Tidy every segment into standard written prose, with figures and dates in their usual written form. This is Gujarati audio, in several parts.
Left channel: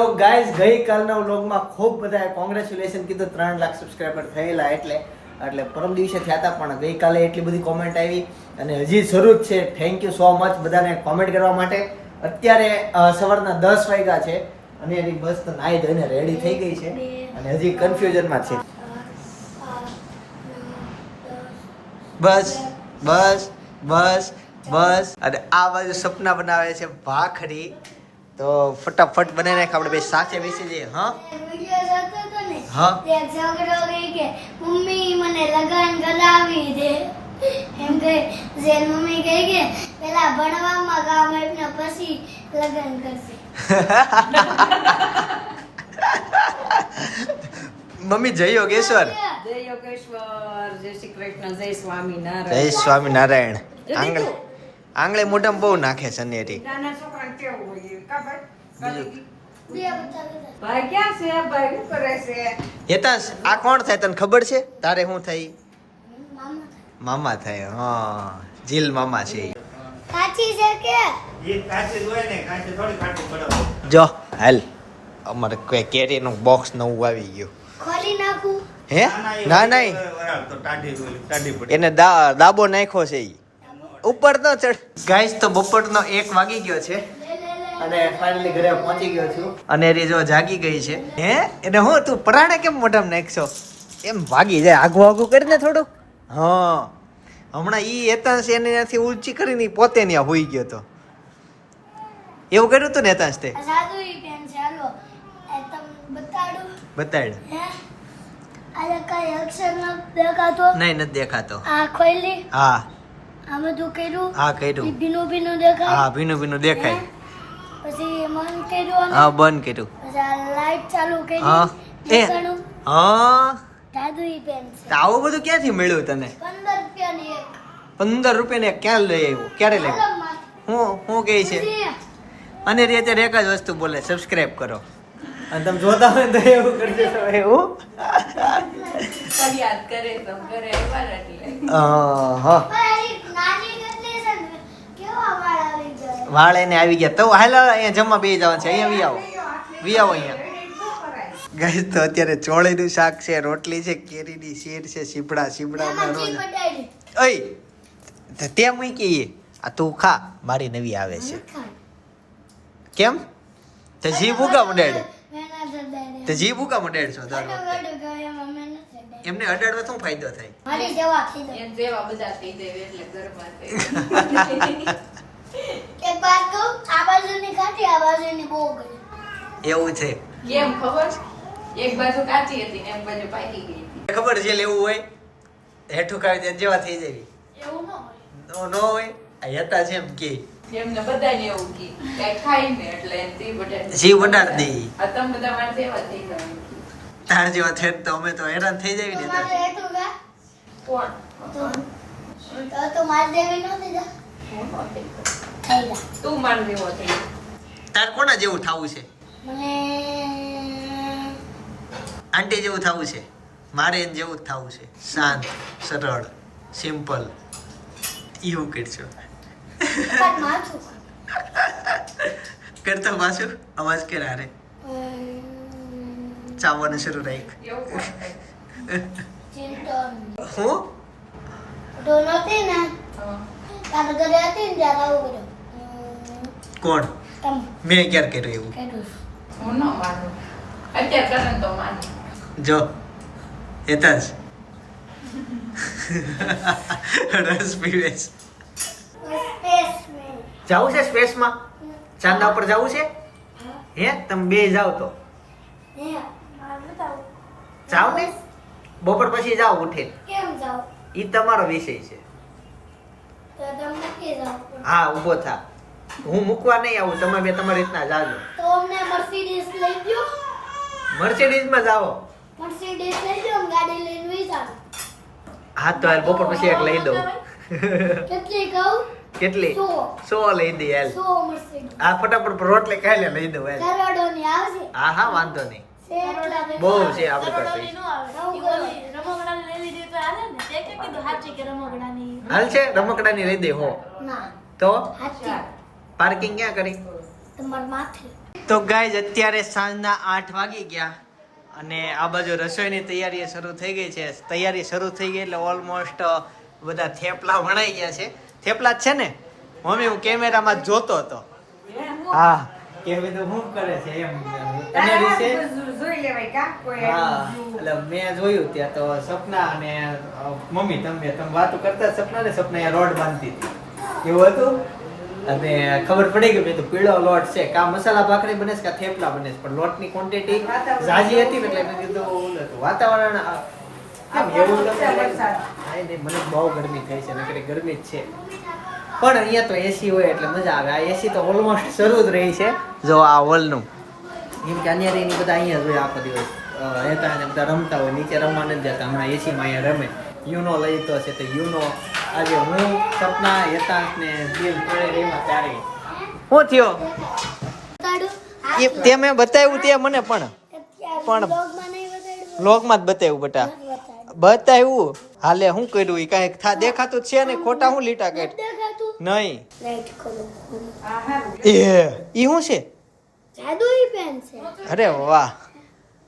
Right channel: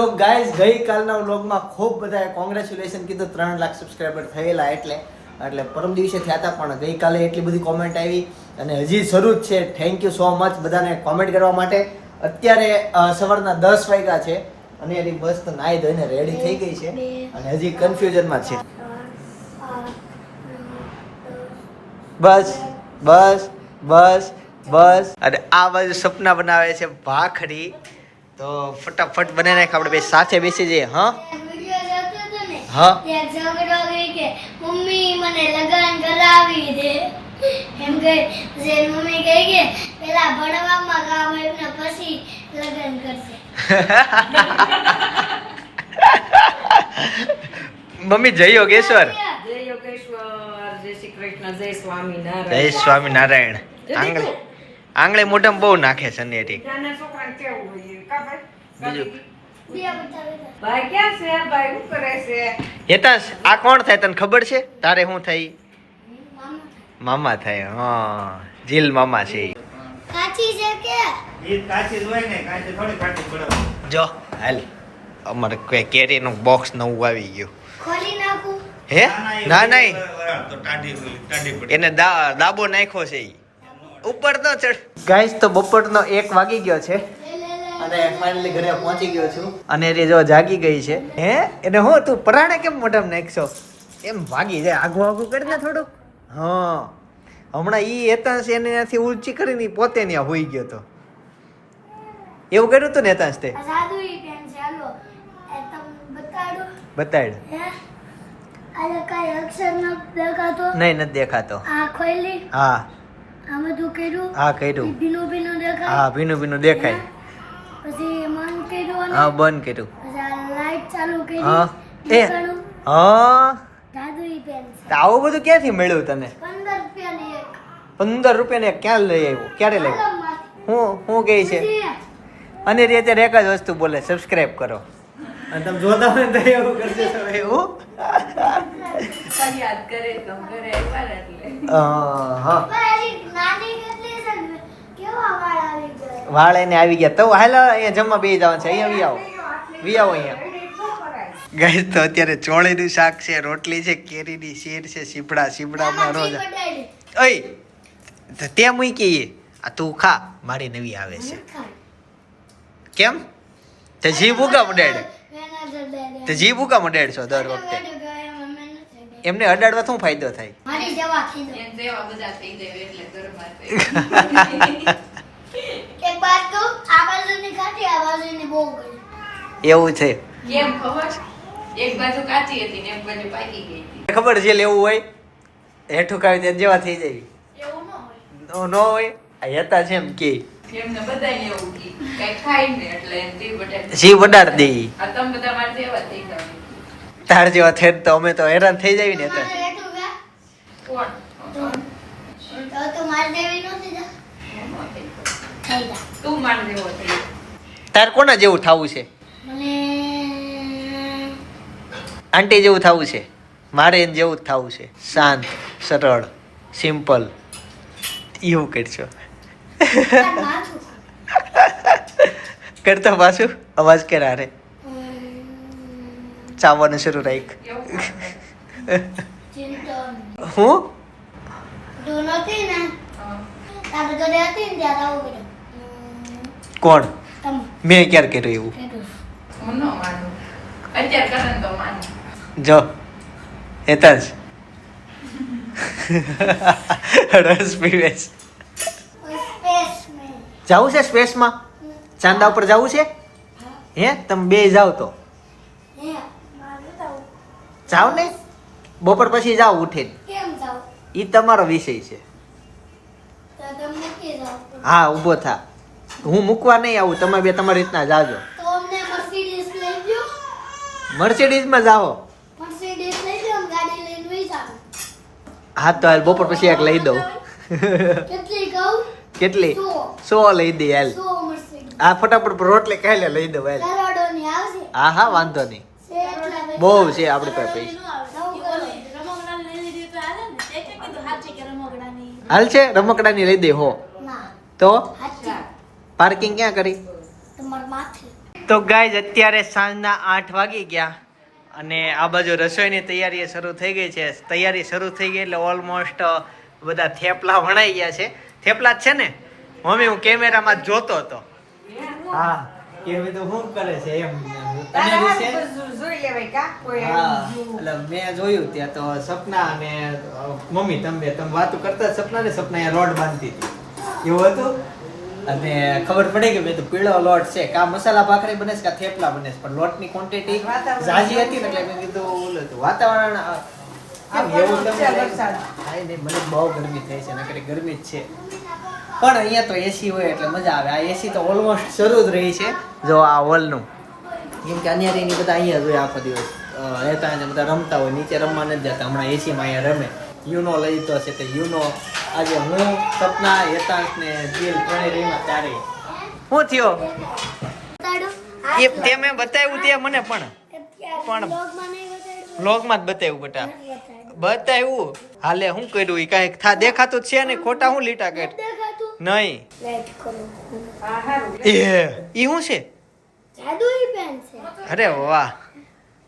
તો ગાઈઝ ગઈકાલના વ્લોગમાં ખૂબ બધાએ કોંગ્રેચ્યુલેશન કીધું 3 લાખ સબસ્ક્રાઈબર થયેલા એટલે પરમ દિવસે થયા હતા પણ ગઈકાલે એટલી બધી કોમેન્ટ આવી અને હજી શરૂ જ છે. થેન્ક યુ સો મચ બધાને કોમેન્ટ કરવા માટે. અત્યારે સવારના 10 વાગ્યા છે અને એની બસ તો નાઈ ધોઈને રેડી થઈ ગઈ છે અને હજી કન્ફ્યુઝનમાં છે. બસ બસ બસ બસ અને આ બાજુ સપના બનાવે છે ભાખરી. તો ફટાફટ બનાવી નાખ, આપણે બે સાથે બેસી જઈએ. હા હા મમ્મી મને લગન કરાવી દે એમ કે મમ્મી કહી કે પેલા ભણવામાં કામ એટલે પછી લગન કરશે. મમ્મી જય યોગેશ્વર. જય યોગેશ્વર, જય શ્રી કૃષ્ણ, જય સ્વામિનારાયણ. જય સ્વામિનારાયણ. આંગળે મોઢામાં બહુ નાખે છે નેટી. નાના છોકરાને કેવું હોય કા ભાઈ? બીજું ભાઈ ક્યાં છે? ભાઈ શું કરે છે? હેતાંશ, આ કોણ થાય તને ખબર છે? તારે શું થાય? મામા થાય. હા, જીલ મામા છે. કાચી છે કે જો હાલ અમારે કોઈ કેરીનું બોક્સ નવું આવી ગયું. ખોલી નાખું? હે ના નહીં, એને દાબો નાખ્યો છે ઈ. ઉપર ન ચડ. ગાઈસ તો બપોરનો 1 વાગી ગયો છે અને ફાઇનલી ઘરે પહોંચી ગયો છું અને એ જો જાગી ગઈ છે. હે એને હું તું પરાણે કેમ મોઢામાં નાખશો? એમ ભાગી જાય, આગું આગું કરીને થોડું. હા, હમણાં ઈ હેતાંશ એને ત્યાંથી ઊંચી કરીને પોતે ત્યાં હોઈ ગયો તો. એવું કર્યું હતું ને હેતાંશ તે? સાદું ઈ પેન ચાલો એ તમ બતાડો. બતાડ. હે આલે કઈ અક્ષર ન દેખાતો? નહીં, નથી દેખાતો. આ ખોલી? હા આ બધું કર્યું? હા કર્યું. ભીનું ભીનું દેખાય? હા ભીનું ભીનું દેખાય. પછી એ મન કર્યું? હા બંધ કર્યું. પછી આ લાઈટ ચાલુ કરી? હા એ નીકળું? હા. જાદુઈ પેન છે. તો આવું બધું ક્યાંથી મળ્યું તને? 15 રૂપિયાની એક. 15 રૂપિયાને ક્યાં લઈ આવ્યો? ક્યારે લઈ આવ્યો? આલમમાંથી. હું કહે છે? પછી અને રે અત્યારે એક જ વસ્તુ બોલે, સબસ્ક્રાઇબ કરો. અને તમે જોતા હોય તો એવું કરજો તમે. એવું ફરિયાદ કરે તો ઘરે એકવાર એટલે હા પણ હજી નાની કેટલી છે ને, કેવા વાળ આવી જાય. વાળ એને આવી ગયા. તો હાલ અહીંયા જમવા બેસી જવાનું છે. અહીંયા વી આવો અહીંયા. ગાઈસ તો અત્યારે ચોળીનું શાક છે, રોટલી છે, કેરીની શેર છે, સીપડા હમણાં રોજ. બટાડી. ઓય તો તે મૂકી આ તું ખા, મારી નવી આવે છે. કેમ તે જીભ ઉગા મંડાડે? તે જીભ ઉગા મંડાડશો દર વખતે? એમને અડાડવા શું ફાયદો થાય? મારી જવા થઈ જાય. એમ જેવા બધા થઈ જાય એટલે ઘરમાં એક વાત કહું, આ બાજુની કાઢી, આ બાજુની બહુ ગળી. એવું છે. કેમ ખબર? એક બાજુ કાચી હતી ને એક બાજુ પાકી ગઈ હતી. ખબર જે લેવું હોય હેઠું ખાવી દે જેવા થઈ જાય. એવું ન હોય. ન હોય આ હતા છે એમ કે એમને બધાને એવું કી કઈ ખાય ને એટલે તે બટાટા જીભ અડાડ દે. આ તમે બધા મારે જેવા થઈ જાવ. તાર જેવા થઈ તો અમે તો હેરાન થઈ જાય ને. તમારે હેઠું ગયા? કોણ? તો મારી દેવી નહોતી જા. થઈ જા. તું માર જેવો થઈ. તાર કોના જેવું થવું છે? મને આંટી જેવું થવું છે? મારે એને જેવું જ થવું છે. શાંત, સરળ, સિમ્પલ. એવું કરશો પણ માથું. કરતો પાછું અવાજ કરા રે ચાવવાનું શરૂ રાખ. એવું ચિંતા હું તો નહોતી ને, તારે ઘરે હતી ને ત્યારે આવું કર્યું. કોણ? તમે મેં ક્યારે કર્યું એવું? કર્યું. હું ન માનું. અત્યારે કરે ને તો માનું. જો હેતા જ રસ પીવે છે. સ્પેસમેન. જવું છે સ્પેસમાં? ચાંદા ઉપર જવું છે? હે તમે બે જાવ તો હે મારું તાવ. જાવ ને, બપોર પછી જાવ ઉઠીને. કેમ જાવ? એ તમારો વિષય છે. તો તમને કે જાવ. હા ઊભો થા, હું મૂકવા નહીં આવું, તમે બે તમારી રીતના જાજો. તો અમને મર્સિડીઝ લઈ ગયો. મર્સિડીઝમાં જાઓ. મર્સિડીઝ લઈ ગયો ને ગાડી લઈને વઈ જાવ. હા તો હાલ બપોર પછી એક લઈ દઉં. કેટલી કહું? કેટલી? 100 લઈ દે હાલ. 100 મર્સિડીઝ. આ ફટાફટ રોટલી ખાઈ લે, લઈ દઉં હાલ. કરોડોની આવશે. હા હા વાંધો નહીં, છે એટલા પૈસા. બહુ છે આપણી પાસે પૈસા. હાલ છે રમકડાની લઈ દે હો. ના, તો સાચી. પાર્કિંગ ક્યાં કરી? તમાર માથે. તો ગાઈઝ અત્યારે સાંજના 8 વાગી ગયા અને આ બાજુ રસોઈની તૈયારી શરૂ થઈ ગઈ છે. તૈયારી શરૂ થઈ ગઈ એટલે ઓલમોસ્ટ બધા થેપલા વણાઈ ગયા છે. થેપલા જ છે ને મમ્મી? હું કેમેરામાં જોતો હતો. હા કે બધું શું કરે છે એમ તૈયારી છે. હા એટલે મેં જોયું ત્યાં તો સપના અને મમ્મી તમે વાતો કરતા સપના ને સપના રોડ બાંધતી હતી એવું હતું. અને ખબર પડી કે મેં તો પીળો લોટ છે કા મસાલા ભાખરી બને છે કા થેપલા બને છે, પણ લોટની ક્વોન્ટિટી ઝાઝી હતી ને એટલે મેં કીધું ઓલું હતું વાતાવરણ કેમ એવું તમને મને બહુ ગરમી થઈ છે નકર ગરમી જ છે. પણ અહીંયા તો એસી હોય એટલે મજા આવે. આ એસી તો ઓલમોસ્ટ શરૂ જ રહી છે. જો આ હોલનું જેમ કે અન્યારી બધા અહીંયા જોઈએ આખો દિવસ રહેતા અને બધા રમતા હોય, નીચે રમવા નથી જતા. હમણાં એસીમાં અહીંયા રમે. યુનો લઈ તો છે તો યુનો આજે હું સપના યતાંશ ને જીલ ત્રણે રહીમાં ત્યારે શું થયો એ તે મેં બતાવ્યું તે મને પણ વ્લોગમાં જ બતાવ્યું બેટા બતાવ્યું. હાલે શું કર્યું એ કાંઈક દેખાતું જ છે ને ખોટા હું લીટા કાઢ નહીં. એ શું છે? જાદુઈ પેન છે. અરે વાહ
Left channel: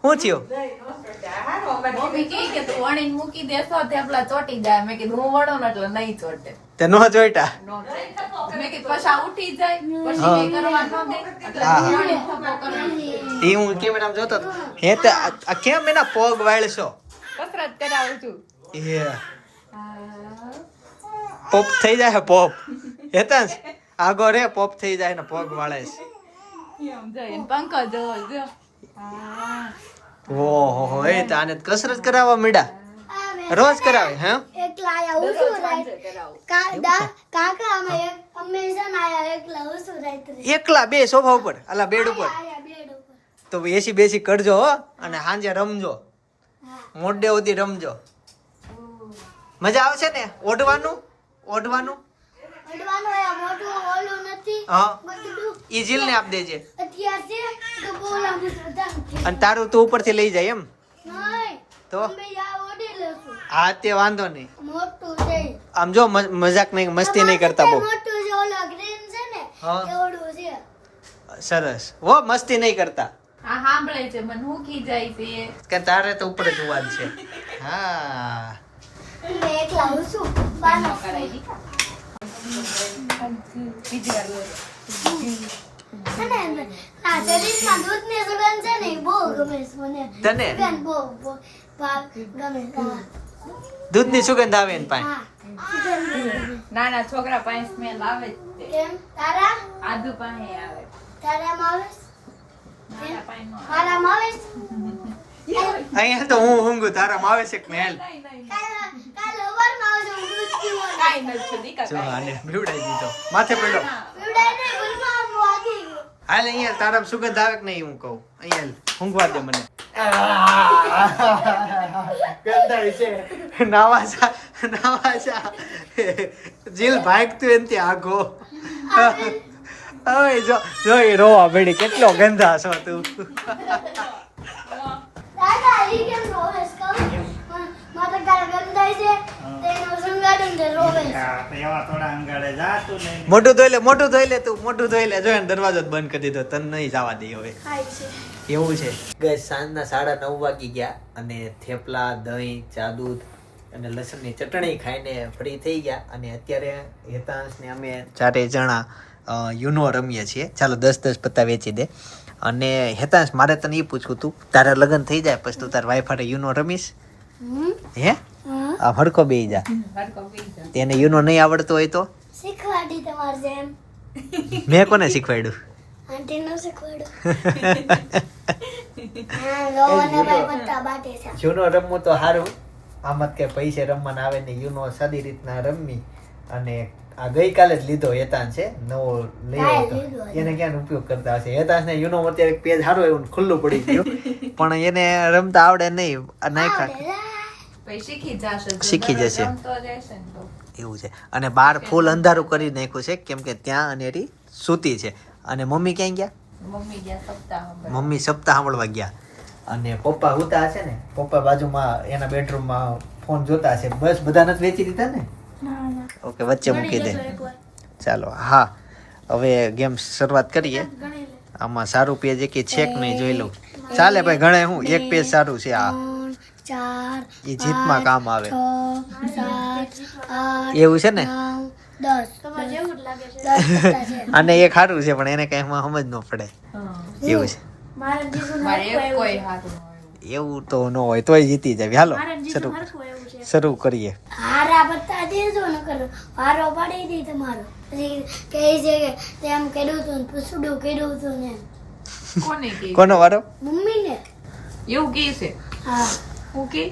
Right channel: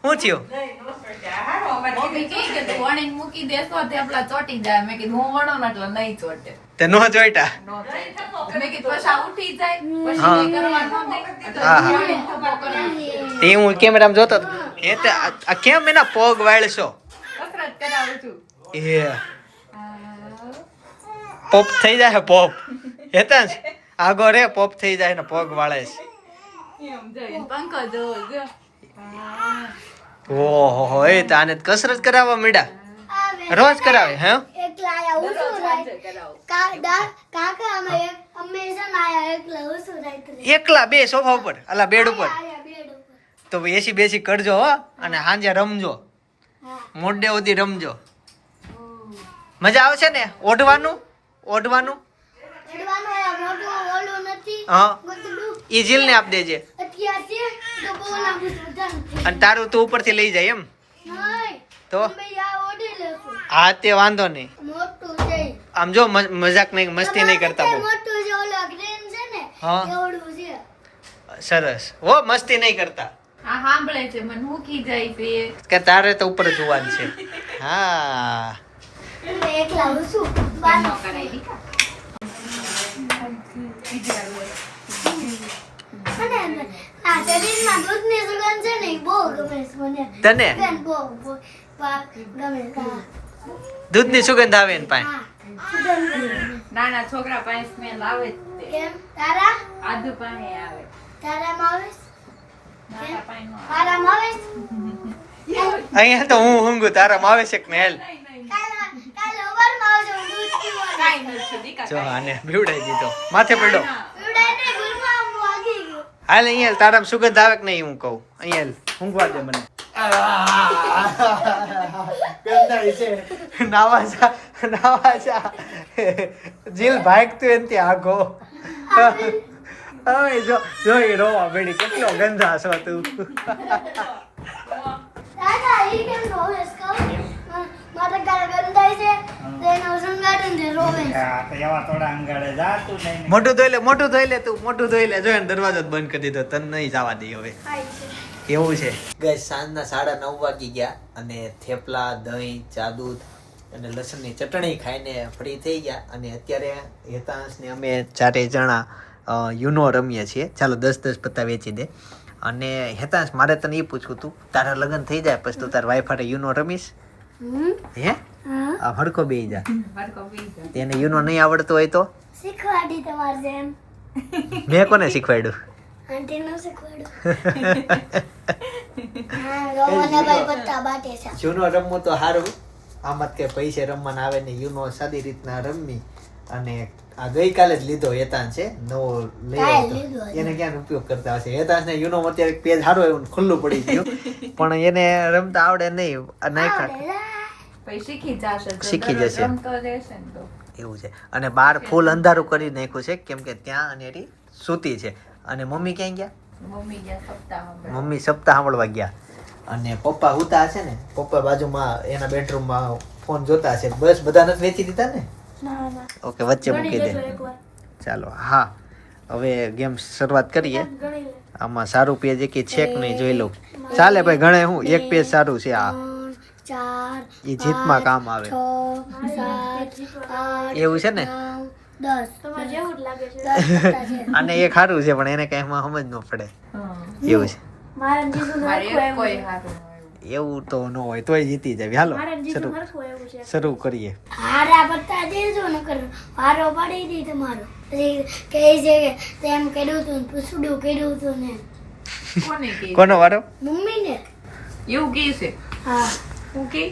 શું થયું? મમ્મી કહે કે તું વણીને મૂકી દેશો થેપલા ચોટી જાય. મેં કીધું હું વણો ને એટલે નહીં ચોટે. તે નો જોઈતા મેં કીધું પછી આ ઉઠી જાય પછી હા. કંઈ કરવાનું નહીં. એટલે હા, હા. વણીને થપ્પો કરવાનો. તે હું કેમેરામાં જોતો હતો. હે તે આ કેમ એના પગ વાળશો? કસરત કરાવું છું. એ પોપ થઈ જાય પોપ હેતા આગો રે પોપ થઈ જાય ને પગ વાળે છે. એમ જોઈને પંખો જોવો જો. ઓહો એ તો આને કસરત કરાવવા મીડા રોજ કરાવે હે? એકલા આયા ઉસું રાય કાકા અમે હંમેશા આયા એકલા ઉસું રાય એકલા બે સોફા ઉપર અલા બેડ ઉપર આયા બેડ ઉપર. તો એસી બેસી કરજો હો અને સાંજે રમજો હા મોડે સુધી રમજો. મજા આવશે ને ઓઢવાનું ઓઢવાનું? એડવાનું આયા મોટું ઓલું નથી હા બધું ઈ જીલ ને આપ દેજે અત્યાર છે તો બહુ લાંબુ બધા અને તારું તું ઉપરથી લઈ જાય એમ નહીં તો અમે યા ઓડી લેશું હા તે વાંધો નહીં. મોટું છે આમ જો મજાક નહીં મસ્તી નહીં કરતા બહુ. મોટું છે ઓલા ગ્રીન છે ને હા. એવડું છે. સરસ હો મસ્તી નહીં કરતા આ સાંભળે છે મને મૂકી જાય છે. કે તારે તો ઉપર જોવાનું છે. હા મેં એકલા ઉસું બાનો કરાઈ દીધા. અને આ શરીરમાં દૂધની સુગંધ છે ને ઈ બહુ ગમે છે મને. તને બેન બહુ ગમે છે. હા. દૂધની સુગંધ આવે ને પાસે હા સુગંધ ગમે. નાના છોકરા પાસે સ્મેલ આવે જ તે. કેમ તારા આદુ પાસે આવે. તારામાં આવે છે? નાના પાસે નો આવે. મારામાં આવે છે? અહીંયા તો હું ઊંઘું તારામાં આવે છે કે મેલ કાલે સવારમાં આવજો, હું દૂધ પીવાનું. કાંઈ નથી દીકા, જો કાંઈ આને બીવડાઈ દીધો માથે પડ્યો. પીવડાય નહીં, ગુલમાં વાગી ગયું. હાલ અહીંયા તારામાં સુગંધ આવે કે નહીં હું કહું અહીંયા ઊંઘવા દે મને. ગંધાઈ છે નાવા જા જીલ ભાગતું એનથી આગો હવે જો એ રોવા બેડી કેટલો ગંધાશો તું. દાદા, ઈ કેમ રોવે છે કહું? મારા ગાલ ગંધાય છે, તેનો સંગાડીને રોવે છે. મોટું ધોઈ લે તું મોટું ધોઈ લે. જો એને દરવાજો જ બંધ કરી દીધો તને નહીં જવા દે હવે એવું છે. ગઈ સાંજના 9:30 વાગી ગયા અને થેપલા દહીં ચા દૂધ અને લસણની ચટણી ખાઈને ફ્રી થઈ ગયા અને અત્યારે હેતાંશ ને અમે ચારે જણા યુનો રમીએ છીએ. ચાલો 10 પત્તા વેચી દે. અને હેતાંશ મારે તને એ પૂછવું તું તારે લગ્ન થઈ જાય પછી તું તાર વાઈફ યુનો રમીશ હે? આ હડકો બેહી જા. હરકો પી ગયો. તેને યુનો નહીં આવડતો હોય તો શીખવાડી તમારે જેમ મેં કોને શીખવાડ્યું? આંટીનું શીખવાડ્યું. હા, રોવાને ભાઈ પત્તા બાટે છે. જૂનો રમવું તો સારું. આમાં કે પૈસે રમવાના આવે ને યુનો સાદી રીતના રમવી. અને આ ગઈકાલે જ લીધો હેતાંશ છે નવો લઈ આવ્યો તો એને ક્યાં ઉપયોગ કરતા હશે. હેતાંશ ને યુનો અત્યારે પેજ સારો એવું ખુલ્લું પડી ગયું પણ એને રમતા આવડે નહીં. આ નાખ્યા પછી શીખી જશે. જો શીખી દરરોજ જશે. રમતો રહેશે ને તો. એવું છે. અને બહાર ફૂલ અંધારું કરી નાખ્યું છે કેમ કે ત્યાં અનેરી સૂતી છે. અને મમ્મી ક્યાં ગયા? મમ્મી ગયા સપ્તાહ હમણાં. મમ્મી સપ્તાહ સાંભળવા ગયા. અને પપ્પા હુતા હશે ને પપ્પા બાજુમાં એના બેડરૂમમાં ફોન જોતા હશે. બસ બધાને જ વેચી દીધા ને? ઓકે વચ્ચે મૂકી દે. ચાલો હા હવે ગેમ શરૂઆત કરીએ. આમાં સારું પેજ એક છે કે નહીં જોઈ લઉં. ચાલે ભાઈ ગણે હું એક પેજ સારું છે આ 3 4 એ જીતમાં કામ આવે 6 7 8 એવું છે ને 10 તમારે જેવું જ લાગે છે અને એ સારું છે પણ એને કઈ એમાં સમજ ન પડે એવું છે. મારા જીજુ મારે હરખું એક કોઈ એવું છે. હારું ન એવું તો ન હોય તોય જીતી જાય. હાલો મારા જીજુ શરૂ હરખું એવું છે. શરૂ કરીએ. હારા બતા દેજો ન કરો હારો પાડી દી તમારો પછી કહે છે કે તેમ કર્યું તું ને પૂછડું કર્યું તું ને આવ્યું. કોને કે કોનો વારો? મમ્મીને એવું કે છે હા હું કે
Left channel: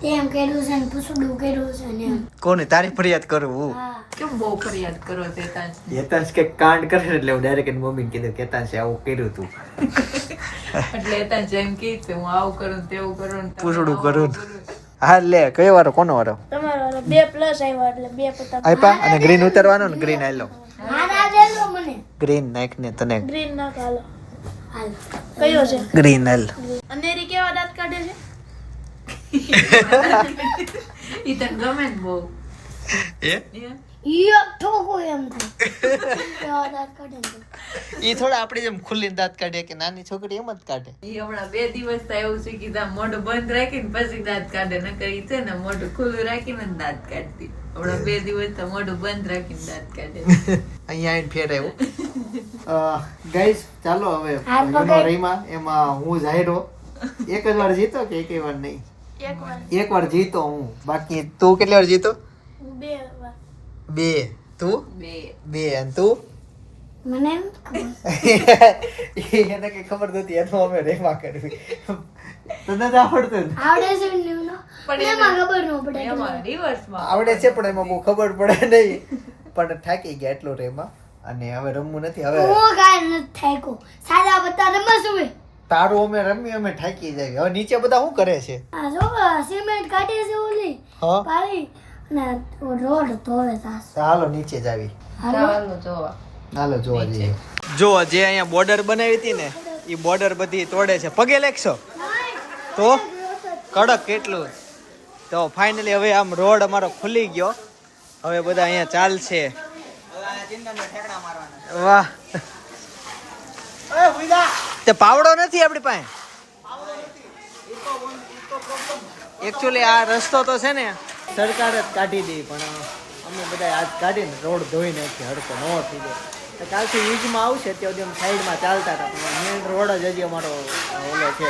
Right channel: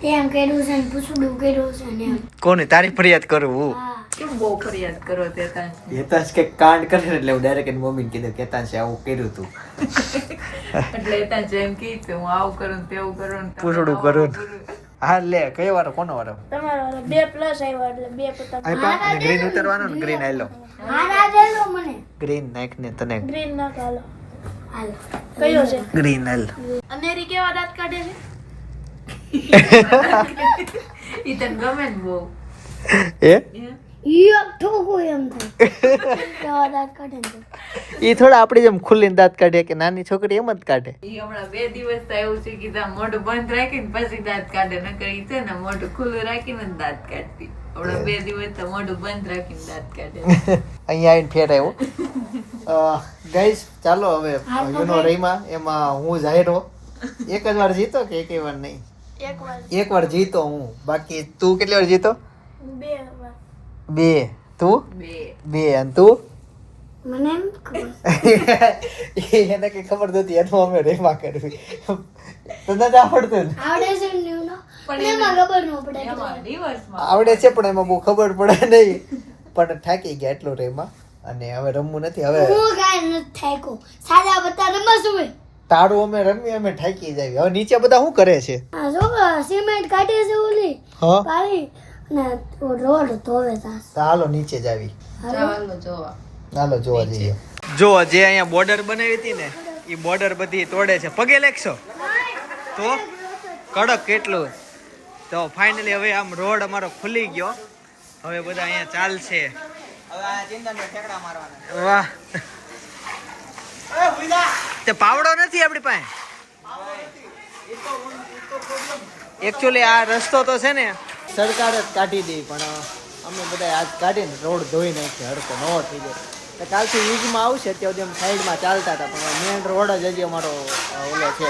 તેમ કર્યું છે ને પૂછડું કર્યું છે ને એમ. કોને તારી ફરિયાદ કરું હું? હા કેમ બહુ ફરિયાદ કરો તે તાન કેતાંશ કે કાંડ કરે ને એટલે હું ડાયરેક્ટ એની મમ્મીને કીધું કેતાંશે આવું કર્યું તું. એટલે તાન જેમ કે છે હું આવું કરું ને તેવું કરું ને તમે પૂછડું આવું કરું ને. હા લે કયો વારો કોનો વારો? તમારો 2 પ્લસ આવ્યા એટલે 2 પતંગ આપ્યા અને ગ્રીન ઉતરવાનો ને ગ્રીન આયલો હારા દેજો મને ગ્રીન નાખ ને તને ગ્રીન ના હાલો હાલ કયું છે ગ્રીન હાલ. અનેરી કેવા દાંત કાઢે છે ઈ તને ગમે ને બહુ એ ઈ ઠોકો એમ તો કેવા દાંત કાઢે છે ઈ થોડા આપડી જેમ ખુલ્લીને દાંત કાઢે કે નાની છોકરી એમ જ કાઢે. ઈ હમણાં 2 દિવસ તો એવું છે કે ત્યાં મોઢું બંધ રાખીને પછી દાંત કાઢે નકર ઈ છે ને મોઢું ખુલ્લું રાખીને જ દાંત કાઢતી. હમણાં 2 દિવસ તો મોઢું બંધ રાખીને દાંત કાઢે. અહીંયા આવીને ફેર આવ્યો. ગાઈસ ચાલો હવે યુનો રહીમાં એમાં હું જાહેરો એક જ વાર જીતો કે એક વાર નહીં? એક વાર જીતો હું. બાકી તું કેટલી વાર જીતો? 2 વાર 2. તું 2 અને તું? મને એમ ખબર એને કઈ ખબર નતી એનો અમે રેમાં કરવી તને તો આવડતું ને? આવડે છે ને નો પણ એમાં ખબર ન પડે એમાં દિવસમાં આવડે છે પણ એમાં બહુ ખબર પડે નહીં. પણ થાકી ગયા એટલો રેમાં અને હવે રમવું નથી. હવે હું કાંઈ નથી થાક્યો સાદા બતા રમસ હોય તારું અમે રમી અમે થાકી જાય. હવે નીચે બધા શું કરે છે? આ જો સિમેન્ટ કાઢે છે ઓલી હા પાડી ને રોડ ધોવે તાસ ચાલો નીચે જ આવી. ચાલો જોવા હાલો જોવા જઈએ. જો જે અહીંયા બોર્ડર બનાવી હતી ને એ બોર્ડર બધી તોડે છે. પગે લેખશો તો કડક કેટલું. તો ફાઇનલી હવે આમ રોડ અમારો ખુલી ગયો. હવે બધા અહીંયા ચાલશે. વાહ તે પાવડો નથી આપણી પાસે. એકચ્યુઅલી આ રસ્તો તો છે ને સરકાર જ કાઢી દે પણ અમે બધા આજ કાઢીને રોડ ધોઈ નાખીએ હડકો નવો થઈ ગયો. તો કાલથી યુઝમાં આવશે ત્યાં સુધી અમે સાઈડમાં ચાલતા હતા પણ મેઇન રોડ જ હજી અમારો ઓલો છે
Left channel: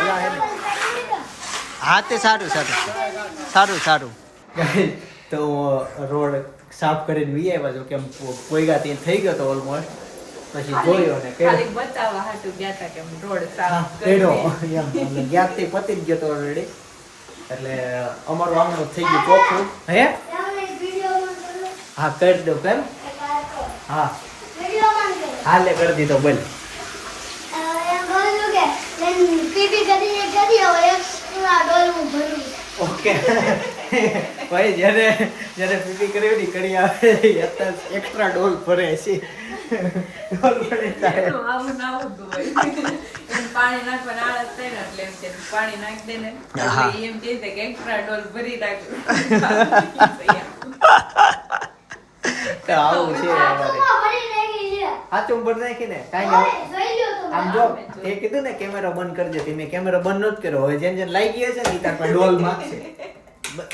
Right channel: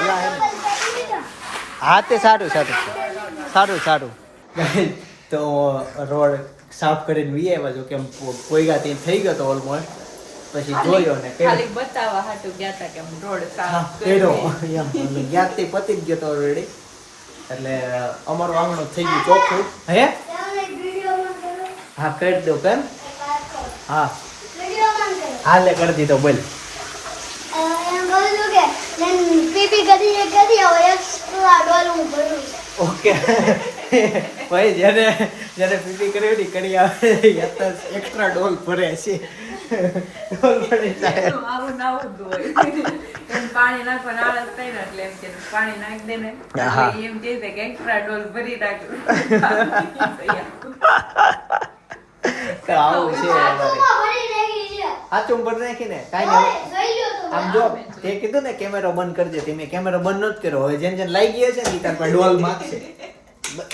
હલા હે ને. હા તે સારું સારું સારું સારું. તો રોડ સાફ કરીને વી આવ્યા જો કેમ કોઈ ગાતી થઈ ગયો તો ઓલમોસ્ટ. પછી જોયો ને ખાલી બતાવવા હાટુ ગયા તા કે રોડ સાફ પેડો એમ ગ્યાસથી પતી જ ગયો તો ઓલરેડી. એટલે અમારું આંગણું થઈ ગયું ચોખ્ખું. હે હા કરી દો કેમ? હા હાલે કરી દીધો બોલ. ઓકે ભાઈ જેને જેને પીપી કરવી કરી આવે એક્સ્ટ્રા ડોલ ભરે છે. ડોલ ભરે થાય. આવું ના આવતું હોય એમ પાણી નાખવાના આળસ થાય ને એટલે એમ કે પાણી નાખી દે ને હા. એટલે એમ કહે છે કે એક્સ્ટ્રા ડોલ ભરી નાખજો. તો આવું છે અમારે. સાચું ભરી નાખીને કાંઈ નહીં. આમ જો તે કીધું ને કેમેરો બંધ કરજે તે મેં કેમેરો બંધ નહોતો કર્યો. હવે જેમ જેમ લાગી ગયો છે ને તાર પાસે ડોલ માંગશે.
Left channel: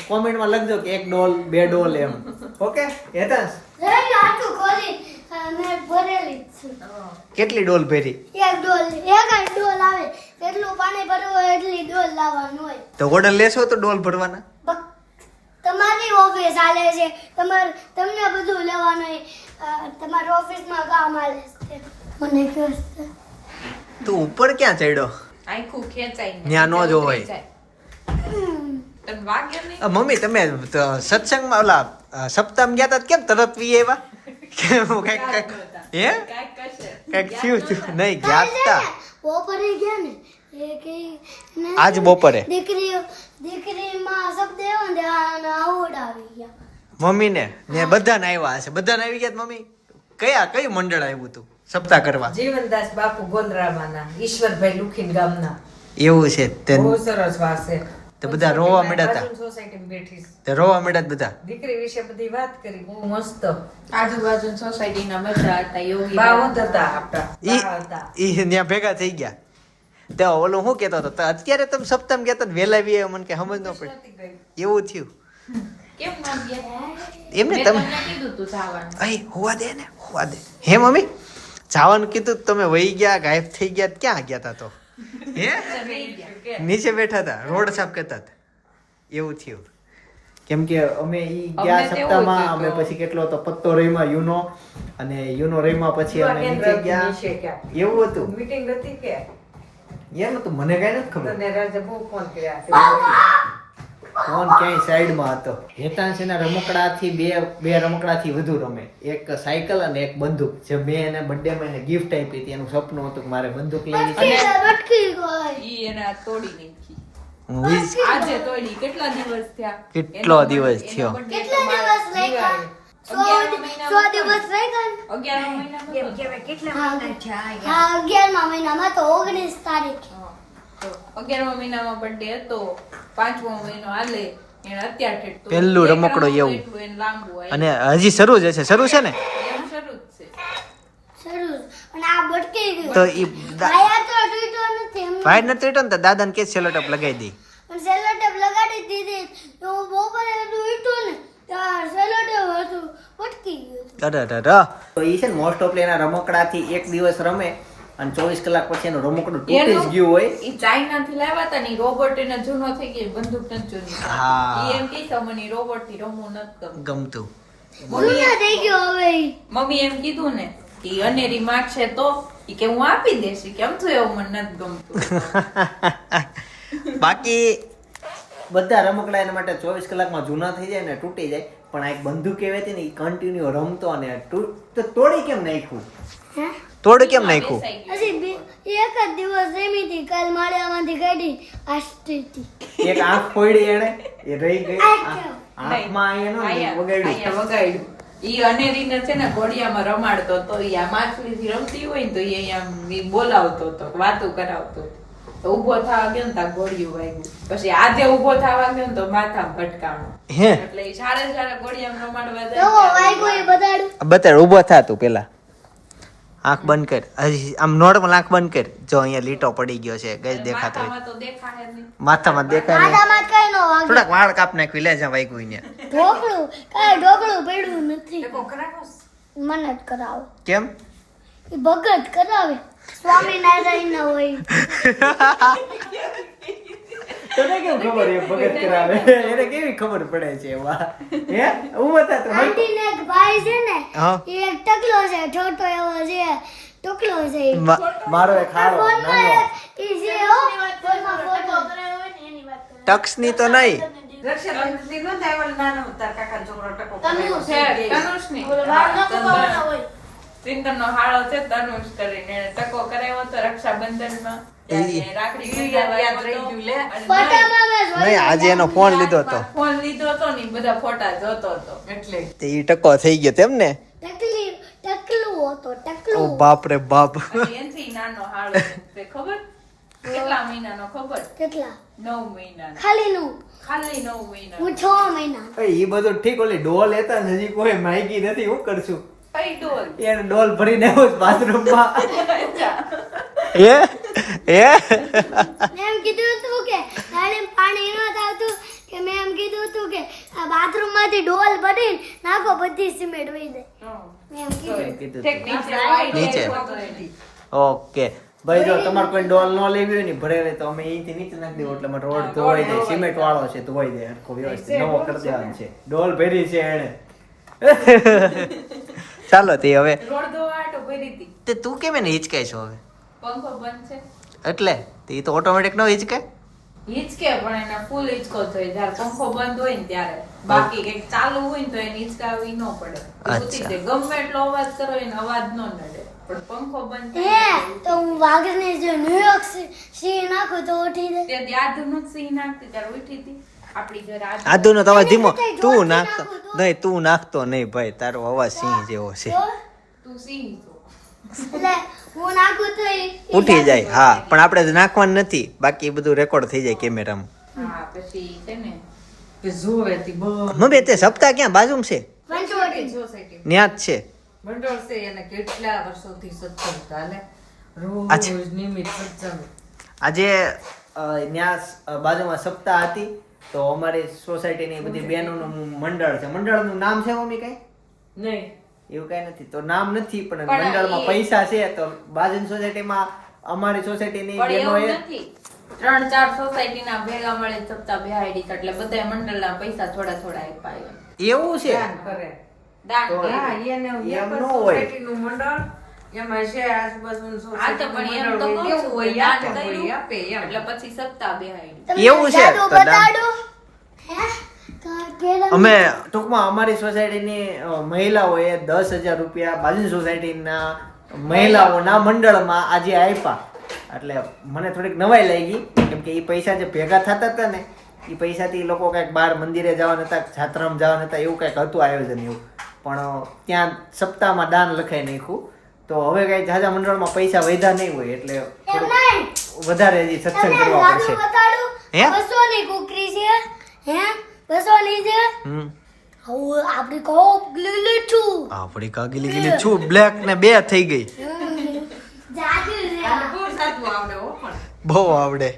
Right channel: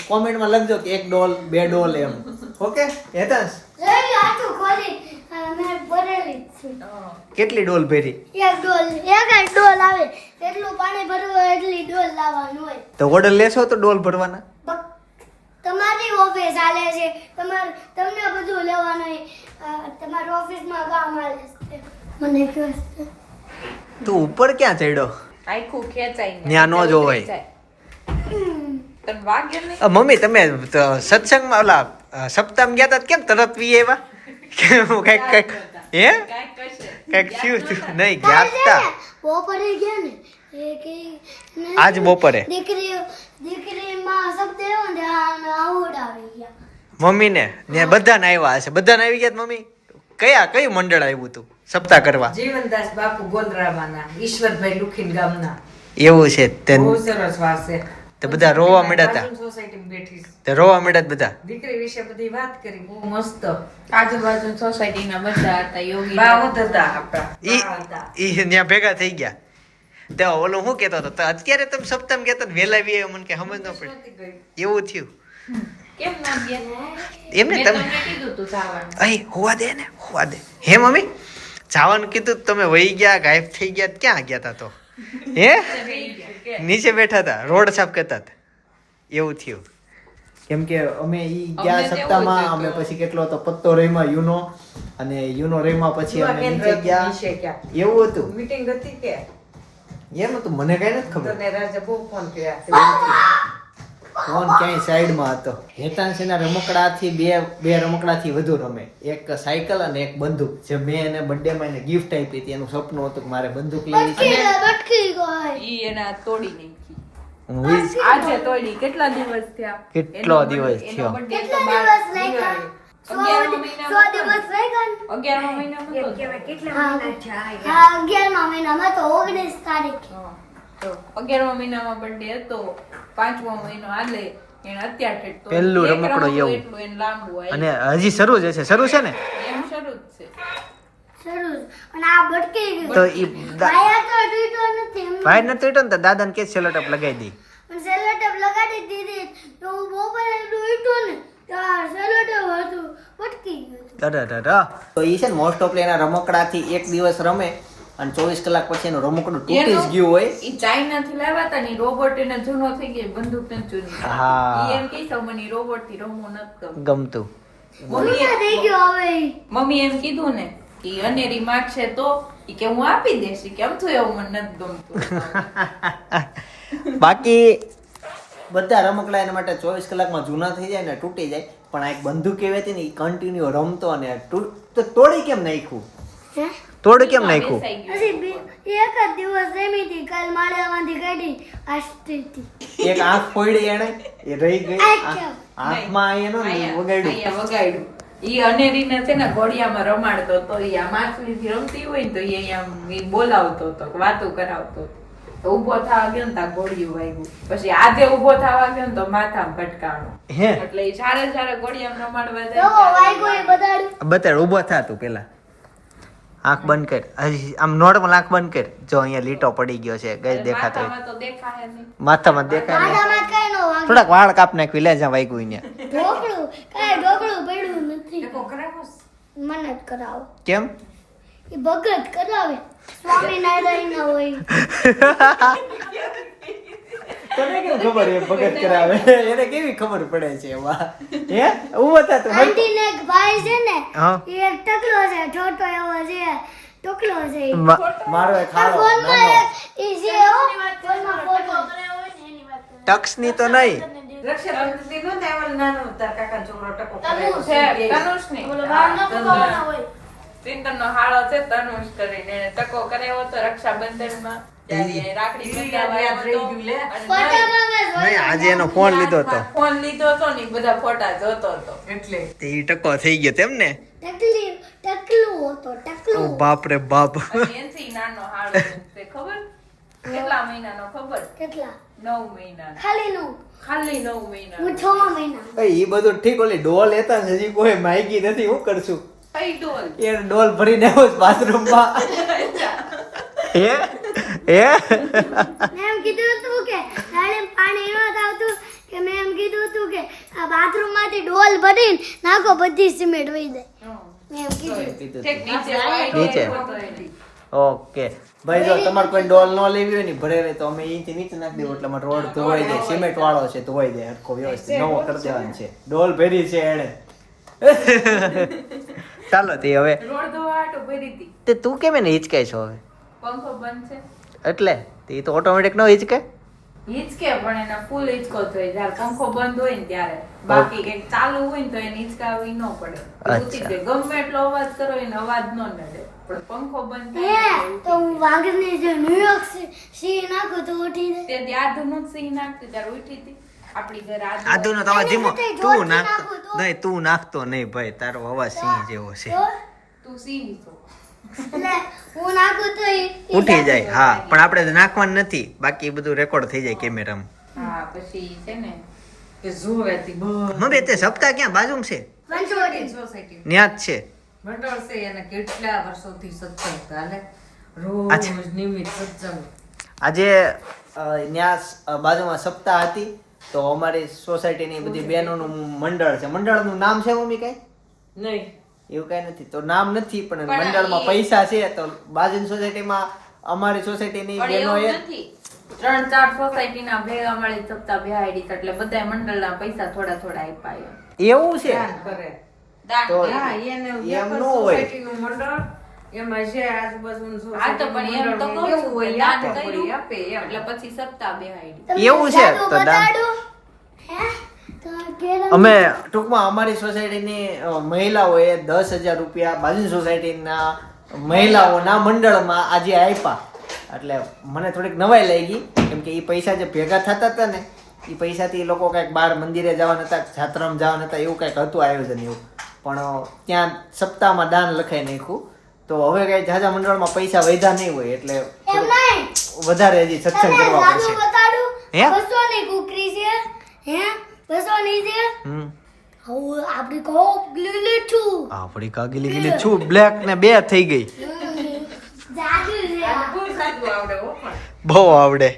કોમેન્ટમાં લખજો કે 1 ડોલ 2 ડોલ એમ. ઓકે હેતાંશ કેટલી ડોલ ભરી? એક ડોલ આવે એટલું પાણી ભરવું હોય એટલી ડોલ લાવવાનું હોય. તો ઓર્ડર લેશો તો ડોલ ભરવાના? તમારી ઓફિસ હાલે છે તમને બધું લેવાનું હોય તમારી ઓફિસમાં કામ હાલે છે. મને કહો તું ઉપર ક્યાં ચડ્યો? આખું ખેંચાય ને. ન્યા નો જોવાય. તને વાગ્યો નહીં? મમ્મી તમે તો સત્સંગમાં ઓલા સપ્તાહમાં ગયા તા કેમ તરત વી આવ્યા? કઈક કઈક હે કાંઈક કશે. કઈક થયું નહીં ગયા તા બપોરે ગયા ને એ કે આજ બપોરે દીકરીમાં શબ્દ એવો ને આવડ આવી ગયા. મમ્મીને ને બધાને આવ્યા હશે. બધાને આવી ગયા મમ્મી? કયું મંડળ આવ્યું તું સપ્તાહ કરવા? જીવનદાસ બાપુ ગોંદરાવાના ઈશ્વરભાઈ લુખીન ગામના એવું છે તે બહુ સરસ વાત છે. તે બધા રોવા માંડ્યા હતા. સોસાયટીમાં બેઠી તે રોવા માંડ્યા હતા બધા. દીકરી વિશે બધી વાત કરી બહુ મસ્ત. આજુબાજુ સોસાયટીના બધા હતા યોગી બાવત હતા આપણા ઈ બા હતા. ઈ ત્યાં ભેગા થઈ ગયા. તો ઓલું શું કહેતો હતો તો અત્યારે તમે સપ્તાહ કહેતો ને વેલા વી મને કે સમજ ન પડે એવું થયું. કેમ ના ગયા? એમને મેં તમે તમને કીધું તું જવાનું. અહીં હોવા દે ને હોવા દે. હે મમ્મી જવાનું કીધું તો તમે વહી ગયા ગાયબ થઈ ગયા તો ક્યાં ગયા હતા તો? હે નીચે બેઠા હતા રોડ સાફ કરતા હતા એવું થયું. કેમ કે અમે ઈ ગયા અમને તેવું સપ્તાહમાં હતું અમે કે પછી કેટલો હતો પત્તો રહીમાં યુનો અને યુનો રહીમાં પછી અમે નીચે ગયા નીચે ગયા. એવું હતું. મીટિંગ હતી કે એમ હતું મને કઈ નથી ખબર. તને રાજા બહુ ફોન કર્યા. ફોન ક્યાંય સાઈડમાં હતો. હેતાંશના રમકડાથી બે રમકડાથી વધુ રમે. એક સાયકલ અને એક બંદૂક જે મેં એને બર્થડેમાં એને ગિફ્ટ આપી હતી. એનું સપનું હતું કે મારે બંદૂક લેવી છે. બટકી ગઈ. ઈ એને આ તોડી નાખી. હું વીસ- આજે તોડી કેટલા દિવસ થયા? કેટલો એનો- દિવસ એનો થયો? birthday કેટલા તો દિવસ મારા લાગ્યા? દિવાળી. 100 દિવસ રહી ગયા ને? 11મા મહિનામાં તો. કેટલા મહિના થયા? હા 11મા મહિનામાં તો 19 તારીખ. તો 11મા મહિનામાં birthday હતો. 5મો મહિનો હાલે એને અત્યારે ઠેઠ તો પહેલું એક રમકડું રમકડું એવું. એટલું એને લાંબુ હોય. અને હજી શરૂ જ હશે. શરૂ છે ને એમ શરૂ જ છે. શરૂ. અને આ બટકી ગયું. તો ઈ આયા તો તૂટ્યો નથી. ભાઈ નથી તૂટ્યો ને તો દાદાને કે સેલો ટપ લગાવી દઈ. પણ સેલો ટેપ લગાડી દીધી તો બપોરે તૂટ્યું ને ત્યાં સેલો ટેપ હતું બટકી ગયું. તો ઈ છે ને મોસ્ટ ઓફ એના રમકડાથી એક દિવસ રમે અને 24 કલાક પછી એનું રમકડું તૂટી જ ગયું હોય. ઈ ચાઇનાથી લાવ્યા હતા ને રોબોટ એને જૂનો થઈ ગયો બંદૂક નથી જૂની. હા. ઈ એમ કહે છે મને રોબોટ થી રમવું નથી ગમતું. જૂના થઈ ગયો હવે ઈ. મમ્મી એમ કીધું ને કે અનેરી માં છે તો ઈ કે હું આપી દેશ ઈ કેમ થયું એવું મને નથી ગમતું. બાકી બધા રમકડા એના માટે 24 કલાકમાં જૂના થઈ જાય ને તૂટી જાય. પણ આ એક બંદૂક એવી હતી ને એ કન્ટિન્યુ રમતો અને તો તોડી કેમ નાખ્યું? હે? તોડી કેમ નાખ્યું? હજી એક જ દિવસ રમી હતી કાલ માળિયામાંથી કાઢી આસ્તી હતી. એક આંખ ફોડી એને એ રહી ગઈ. આંખમાં એનો અહીંયા વગાડ્યું. વગાડ્યું. ઈ અનેરીને છે ને ઘોડિયામાં રમાડતો તો ઈ આ માછલીથી રમતી હોય ને તો ઈ અહીંયા ઈ બોલાવતો હતો વાતો કરાવતો હતો. તો ઊભો થવા ગયો ને તા ઘોડિયું વાગ્યું. પછી આજે ઊભો થવા ગયો ને તો માથામાં ભટકાણો. હે એટલે ઈ સારા ઘોડિયામાં રમાડવા એવો જાય વાગ્યો એ બતાડ્યું. બતાડ ઊભો થા તું પેલા. આંખ બંધ કર. હજી આમ નોર્મલ આંખ બંધ કર. જો અહીંયા લીટો પડી ગયો છે ગઈ દેખાતો હોય. માથામાં તો દેખાય જ નહીં. માથામાં દેખાય નહીં. આડામાં કઈ નો વાગ્યો. થોડાક વાળ કાપ નાખવી લે જ્યાં વાગ્યું અહીંયા. ઢોકળું કાંઈ ઢોકળું પડ્યું નથી. એકો કરાવો. મને જ કરાવો. કેમ? એ ભગત કરાવે સ્વામિનારાયણ ના હોય. તને કેમ ખબર એ ભગત કરાવે? એને કેવી ખબર પડે છે એમાં? હે ઊભો થા તું. આંટીને એક ભાઈ છે ને હા. એ એક ટકલો છે છોટો એવો છે ટકલો છે ઈ. મારો એક હારો ફોનમાં નાનો ઈ છે હો ફોનમાં ફોટો. ટક્સની તો નહીં. રક્ષાબંધનથી નહોતા આવેલા નાનો તાર કાકાનો છોકરો ટકો તનુષ. કરાવ્યો. છે તનુષની. ઓલો વાળનો કપાવાનો હોય. પિંકરનો હાળો છે તનુષ કરીને એને ટકો કરાવ્યો હતો રક્ષાબંધનમાં. ત્યારે રાખડી બંધાવવા યાદ આવ્યો રહી હતો. ગયું લે. અને ફોટામાં મેં જોયું. નહીં આજે એનો ફોન લીધો હતો ફોન લીધો હતો ને ઈ બધા ફોટા જોતો હતો. એટલે તે ઈ ટકો થઈ ગયો તેમ ને? ટકલું હતો ઓ ટકલું. બાપ રે બાપ. અને એનથી નાનો હાળો છે. તે ખબર કેટલા મહિનાનો ખબર? કેટલા 9 મહિનાનો. ખાલી નું ખાલી 9 મહિનાનો. હું 6 મહિના. એ બધું ઠીક. ઓલી ડોલ લેતા ને હજી કોઈ માયગી નથી. હું કરશું? કઈ ડોલ? એ ડોલ ભરીને આવ્યો બાથરૂમમાં. એ મેં એમ કીધું હતું કે રાણીને પાણી એમાં આવતું કે મેં એમ કીધું હતું કે આ બાથરૂમમાંથી ડોલ ભરીને નાખો બધી સિમેન્ટ વહી જાય. મેં એમ કીધું. ઠેક નીચે વાળી નીચે. ડોલ. ઓકે ભાઈ જો તમારે કોઈ ડોલ ન લેવી હોય ને ભરે રહે તો અમે અહીંથી નીચે નાખી દઈએ એટલે અમારો રોડ ધોવાઈ જાય. સિમેન્ટ વાળો છે ધોવાઈ જાય આખો વ્યવસ્થિત નવો કરી દેવાનો છે. ડોલ ભરી છે એને. ચાલો તે હવે રોડ ધોવા આટો ભરી હતી. તે તું કેમ એને હિચકાય છો હવે? પંખો બંધ છે. એટલે તે તો ઓટોમેટિક નો હિચકે. હિંચકે પણ એના ફૂલ હિંચકો થાય જ્યારે પંખો બંધ હોય ને ત્યારે. બાકી કઈક ચાલુ હોય ને તો એને હિંચકાવી ન પડે. ઉતી જાય. ગમે એટલો અવાજ કરો એને અવાજ ન નડે. પણ પંખો બંધ થાય ને તો હું વાઘને જો ન્યુયોર્ક સિંહ નાખું તો ઉઠી જાય. તે દી આધુનું સિંહ નાખતી ત્યારે ઉઠી હતી. આપણી ઘરે આદુ નો તમારે ધીમો. એને તું જોરથી નાખતો નાખું તો? નહીં તું નાખતો નહીં ભાઈ. તારો અવાજ સિંહ જેવો છે. તો તું સિંહ છો. એટલે હું નાખું તો ઈ ઉઠી જાય. હા પણ આપણે નાખવાનું નથી. બાકી એ બધું રેકોર્ડ થઈ જાય કેમેરામાં. હા પછી છે ને કે જોવે તી બહુ મમ્મી તે સપ્તાહ ક્યાં બાજુમાં છે પંચવટી સોસાયટી ન્યા જ છે મંડળ છે અને કેટલા વર્ષોથી સત્સંગ ચાલે રોજ અચ્છા. નિયમિત સત્સંગ આજે ન્યા બાજુમાં સપ્તાહ હતી તો અમારી સોસાયટીની બધી બહેનોનું મંડળ છે મંડળનું નામ છે મમ્મી કઈ નહીં એવું કઈ નથી તો નામ નથી પણ પણ મંડળમાં એ- પૈસા છે તો બાજુની સોસાયટીમાં અમારી સોસાયટીની પણ બહેનો એવું એ નથી 3-4 સોસાયટીના ભેગા મળે સપ્તાહ બેહાડી એટલે બધા મંડળના પૈસા થોડા થોડા આપ્યા એવું છે દાન કરે દાન તો- કરે. હા, એને એમ એક ન હોય. સોસાયટીનું મંડળ એમાં જે આજુબાજુનું આ તો પણ એમ તો સોસાયટીનું કહું મંડળ છું હોય, કે દાન આપે કોઈ કર્યું આપે એમ. એટલે પછી સપ્તાહ બેહાડી તમને એવું છે? જાદુ તો દાન- બતાડું? હે? કેરમ- અમે ટૂંકમાં અમારી સોસાયટીની મહિલાઓએ 10,000 રૂપિયા બાજુની સોસાયટીના મહિલાઓના મંડળમાં આજે આપ્યા એટલે મને થોડીક નવાઈ લાગી કેમ કે એ પૈસા જે ભેગા થતા હતા ને એ પૈસાથી એ લોકો કંઈક બહાર મંદિરે જવાના હતા જાત્રામાં જવાના હતા એવું કંઈક હતું આયોજન એવું પણ ત્યાં સપ્તાહમાં દાન લખાઈ નાખ્યું તો હવે કઈ જાજા મંડળમાં પૈસા વધ્યા નહીં હોય એટલે એમ થોડુંક નહીં. વધારે હજી સત્સંગ તમને કરવા જાદુ પડશે બતાડું? હે? 200 ની કુકરી છે હે 200 ની છે હમ હવે આપણી કોપ લીલી છું આપડી કાગીલી ગીલી છું બ્લેક ને 2 થઈ ગઈ જાદુ છે આ. બહુ સાચું આવડે હો પણ બહુ આવડે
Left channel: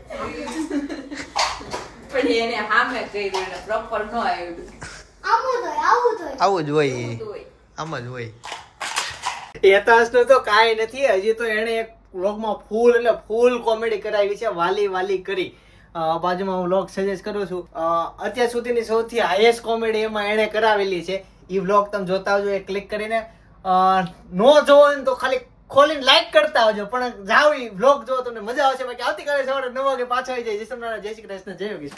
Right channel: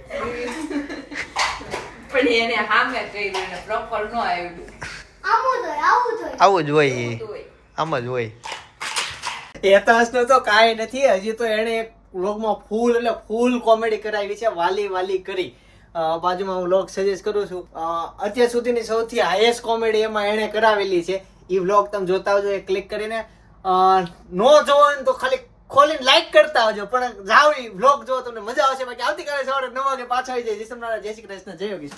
પણ એને સામે કર્યું ને પ્રોપર નો આવ્યું આવું તો આવું જ હોય તો હોય. આમ જ હોય હેતાંશનું તો કાંઈ નથી હજી તો એણે એક વ્લોગમાં ફૂલ કોમેડી કરાવી છે વાલી વાલી કરી બાજુમાં હું વ્લોગ સજેસ્ટ કરું છું અત્યાર સુધીની સૌથી હાઈએસ્ટ કોમેડી એમાં એણે કરાવેલી છે એ વ્લોગ તમે જોતા આવજો એ ક્લિક કરીને નો જોવો હોય ને તો ખાલી ખોલીને લાઈક કરતા આવજો પણ જાઓ એ વ્લોગ જો તમને મજા આવશે બાકી આવતીકાલે સવારે 9 વાગે પાછા આવી જાય જય શ્રી કૃષ્ણ જય યોગેશ્વર